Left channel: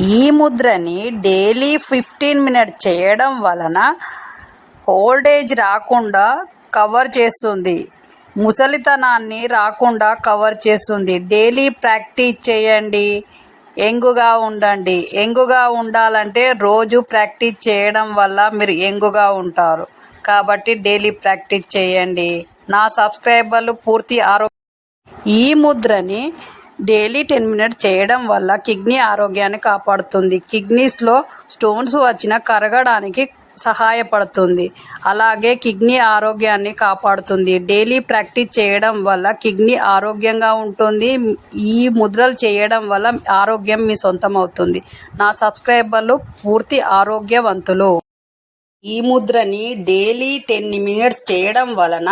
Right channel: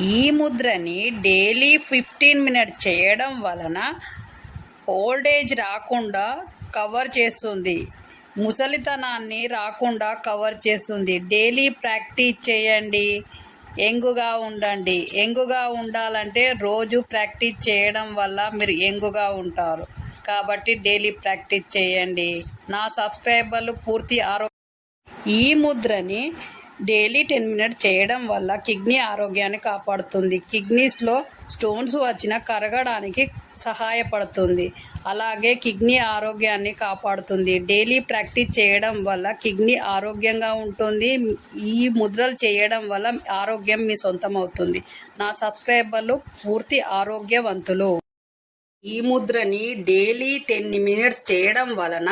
ఈ ముద్రని daily 15 minutes చేయడం వలన ఓల్డ్ ఏజ్ రాకుండా కవర్ చేస్తుంది, ముసలితనాన్ని రాకుండా కవర్ చేస్తుంది. డైలీ ప్రాక్టీస్ చేయండి, యంగుగా ఉండండి. యంగుగా ఉండాలంటే రోజు ప్రాక్టీస్ చేయడం వల్ల మీరు యంగుగా ఉంటారు. కాబట్టి డైలీ ప్రాక్టీస్ చేయండి. నా సబ్స్క్రైబర్లు పూర్తి ఈ ముద్రని డైలీ 10 మినిట్స్ చేయడం వల్ల కిడ్నీ ఆరోగ్యాన్ని కాపాడుతుంది. కిడ్నీస్లో స్టోన్స్ వచ్చినా కరగడానికి సహాయపడుతుంది. అలాగే కిడ్నీ ఆరోగ్యాన్ని కాపాడుతుంది. డైలీ ప్రాక్టీస్ చేయడం వల్ల కిడ్నీ ఆరోగ్యంగా ఉంటుంది. ఈ ముద్రలు చేయడం వల్ల ఆరోగ్యం మీ సొంతం అవుతుంది. నా సబ్స్క్రైబర్లు పూర్తి ఆరోగ్యవంతులు. ఈ ముద్రని డైలీ 10 మినిట్స్ చేయడం వలన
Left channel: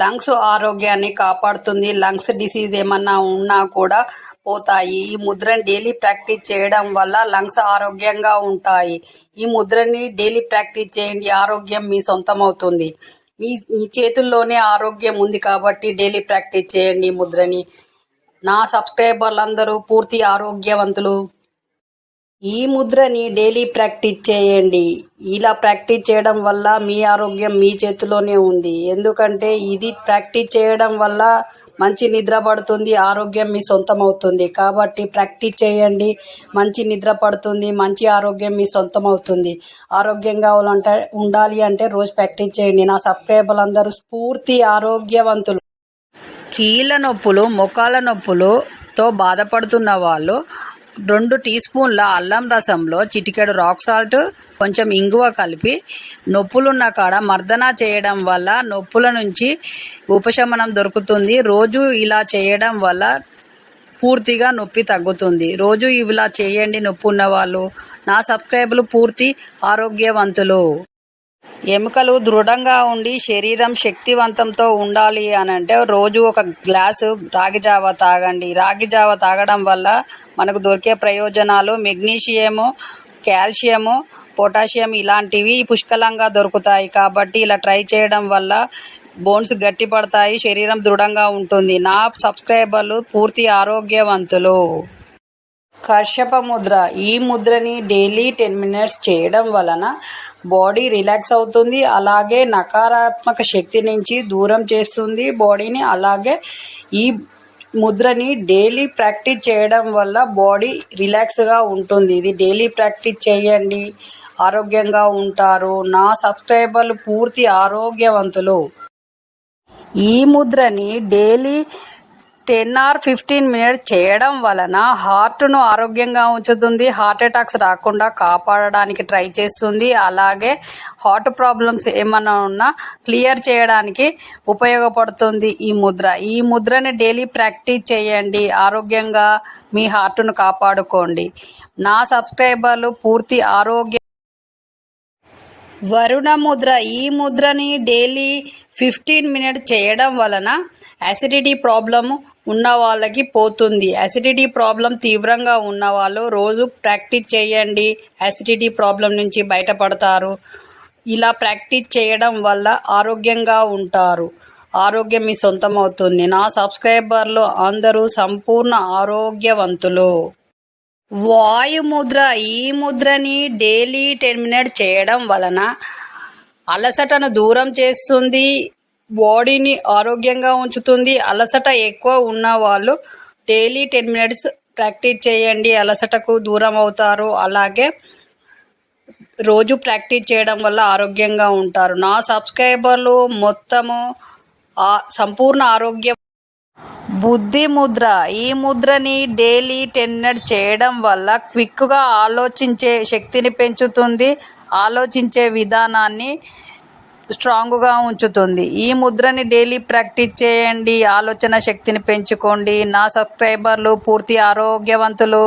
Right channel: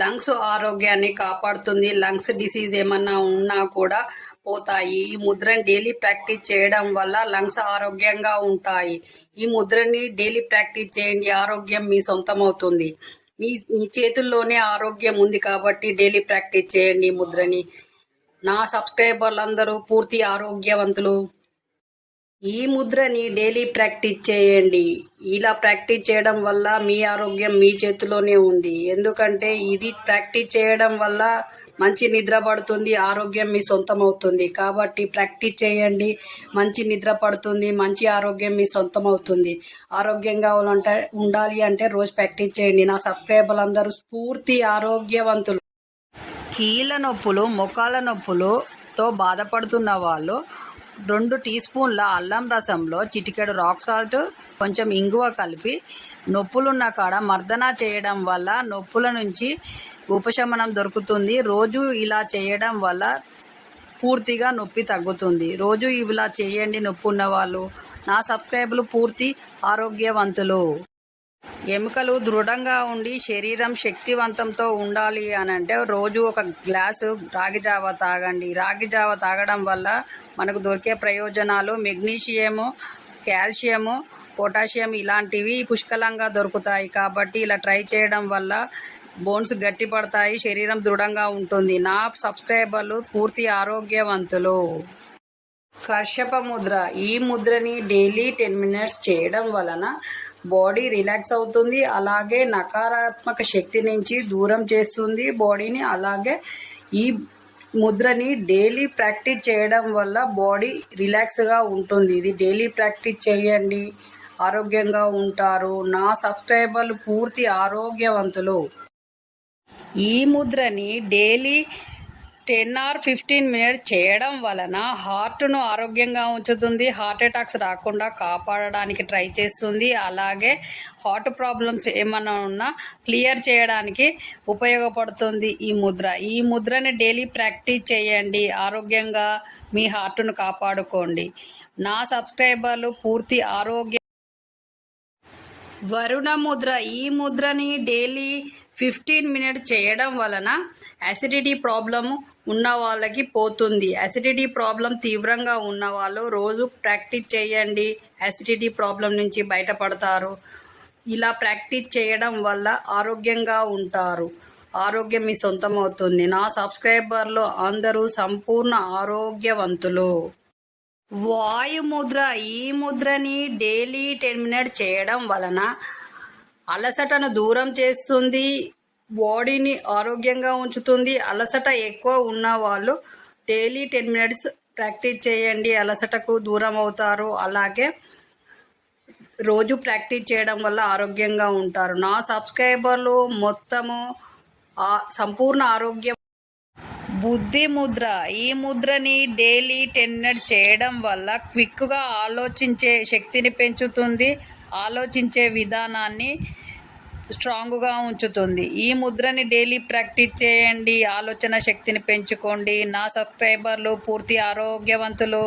లంగ్స్ ఆరోగ్యాన్ని కాపాడుతుంది. లంగ్స్ డిసీజ్ ఏమన్నా ఉన్నా కూడా పోతాయి. ఈ ముద్రని డైలీ ప్రాక్టీస్ చేయడం వల్ల లంగ్స్ ఆరోగ్యంగా ఉంటాయి. ఈ ముద్రని డైలీ ప్రాక్టీస్ చేయండి, ఆరోగ్యం మీ సొంతం అవుతుంది. మీ చేతుల్లోనే ఆరోగ్యం ఉంది కాబట్టి డైలీ ప్రాక్టీస్ చేయండి ఈ ముద్రని. నా సబ్స్క్రైబర్లందరూ పూర్తి ఆరోగ్యవంతులు. ఈ ముద్రని డైలీ ప్రాక్టీస్ చేయండి. ఇలా ప్రాక్టీస్ చేయడం వల్ల మీ ఆరోగ్యం మీ చేతిలోనే ఉంది. ఎందుకంటే ఇది ప్రాక్టీస్ చేయడం వల్ల మంచి నిద్ర పడుతుంది, ఆరోగ్యం మీ సొంతం అవుతుంది. కాబట్టి ప్రాక్టీస్ చేయండి, మంచి నిద్ర పడుతుంది, మంచి ఆరోగ్యం మీ సొంతం అవుతుంది. ఆరోగ్యంగా ఉండాలి అంటే రోజు ప్రాక్టీస్ చేయండి. నా సబ్స్క్రైబర్లు అందరూ పూర్తి ఆరోగ్యవంతులు. కీళ్ళ నొప్పులు, మోకాళ్ళ నొప్పులతో బాధపడుతున్న వాళ్ళు 2 టీ స్పూన్ల అల్లం రసంలో చిటికెడు రాక్ సాల్ట్, కొంచెం ఇంగువ కలిపి నొప్పులున్న కాడ మర్దన చేయడం వల్ల నొప్పుల నుంచి ఉపశమనం దొరుకుతుంది. రోజు ఇలా చేయడం వల్ల పూర్తిగా నొప్పి తగ్గుతుంది. రోజు ఇలా చేయండి నొప్పి ఉన్న వాళ్ళు. నా సబ్స్క్రైబర్లు పూర్తి ఆరోగ్యవంతులు. ఎముకలు దృఢంగా ఉండి శరీరం శక్తివంతంతో ఉండాలి అనంటే రోజు ఒక గ్లాసు రాగి జావ తాగండి. రాగి జావ తాగడం వల్ల మనకు దొరికే ప్రయోజనాలు మెగ్నీషియము, కాల్షియము, పొటాషియం ఇలాంటివి పుష్కలంగా దొరుకుతాయి. కాబట్టి ఇలా ట్రై చేయడం వల్ల బోన్స్ గట్టిపడతాయి, శరీరం దృఢంగా ఉంటుంది. నా సబ్స్క్రైబర్లు పూర్తి ఆరోగ్యవంతులు. కర్షప ముద్ర. ఈ ముద్రని డైలీ 10 మినిట్స్ చేయడం వలన బాడీ రిలాక్స్ అవుతుంది. అలాగే నకారాత్మక శక్తి నుంచి దూరం చేస్తుంది బాడీని. అలాగే ఈ ముద్రని డైలీ ప్రాక్టీస్ చేయడం వల్ల బాడీ రిలాక్స్గా ఉంటుంది. ఇది డైలీ ప్రాక్టీస్ చేయండి, ఆరోగ్యంగా ఉంటారు. నా సబ్స్క్రైబర్లు పూర్తి ఆరోగ్యవంతులు. ఈ ముద్రని డైలీ 10 or 15 మినిట్స్ చేయడం వలన హార్ట్ను ఆరోగ్యంగా ఉంచుతుంది. హార్ట్ అటాక్స్ రాకుండా కాపాడడానికి ట్రై చేస్తుంది. అలాగే హార్ట్ ప్రాబ్లమ్స్ ఏమైనా ఉన్నా క్లియర్ చేయడానికి ఉపయోగపడుతుంది ఈ ముద్ర. ఈ ముద్రని డైలీ ప్రాక్టీస్ చేయండి, ఆరోగ్యంగా మీ హార్ట్ను కాపాడుకోండి. నా సబ్స్క్రైబర్లు పూర్తి వరుణ ముద్ర. ఈ ముద్రని డైలీ 15 మినిట్స్ చేయడం వలన యాసిడిటీ ప్రాబ్లం ఉన్న వాళ్ళకి పోతుంది. యాసిడిటీ ప్రాబ్లం తీవ్రంగా ఉన్న వాళ్ళు రోజు ప్రాక్టీస్ చేయండి, యాసిడిటీ ప్రాబ్లం నుంచి బయటపడతారు. ఇలా ప్రాక్టీస్ చేయడం వల్ల ఆరోగ్యంగా ఉంటారు, ఆరోగ్యం మీ సొంతం అవుతుంది. నా సబ్స్క్రైబర్లు అందరూ సంపూర్ణ ఆరోగ్యవంతులు. వాయుముద్ర. ఈ ముద్రని డైలీ 10 మినిట్స్ చేయడం వలన అలసటను దూరం చేస్తుంది, బాడీని ఆరోగ్యంగా ఉంచుతుంది. అలసట ఎక్కువ ఉన్న వాళ్ళు డైలీ 10 మినిట్స్ ప్రాక్టీస్ చేయండి, అలసటకు దూరం అవుతారు. అలాగే రోజు ప్రాక్టీస్ చేయడం వల్ల ఆరోగ్యంగా ఉంటారు. నా సబ్స్క్రైబర్లు మొత్తము సంపూర్ణ ఆరోగ్యం. బుద్ధి ముద్ర. ఈ ముద్రని డైలీ 10 మినిట్స్ చేయడం వల్ల క్విక్గా ఆలోచించే శక్తిని పెంచుతుంది, ఆలోచించే విధానాన్ని స్ట్రాంగ్గా ఉంచుతుంది. ఈ ముద్రని డైలీ ప్రాక్టీస్ చేయండి, ఆలోచన శక్తిని పెంచుకోండి. నా సబ్స్క్రైబర్లు పూర్తి ఆరోగ్యవంతులు.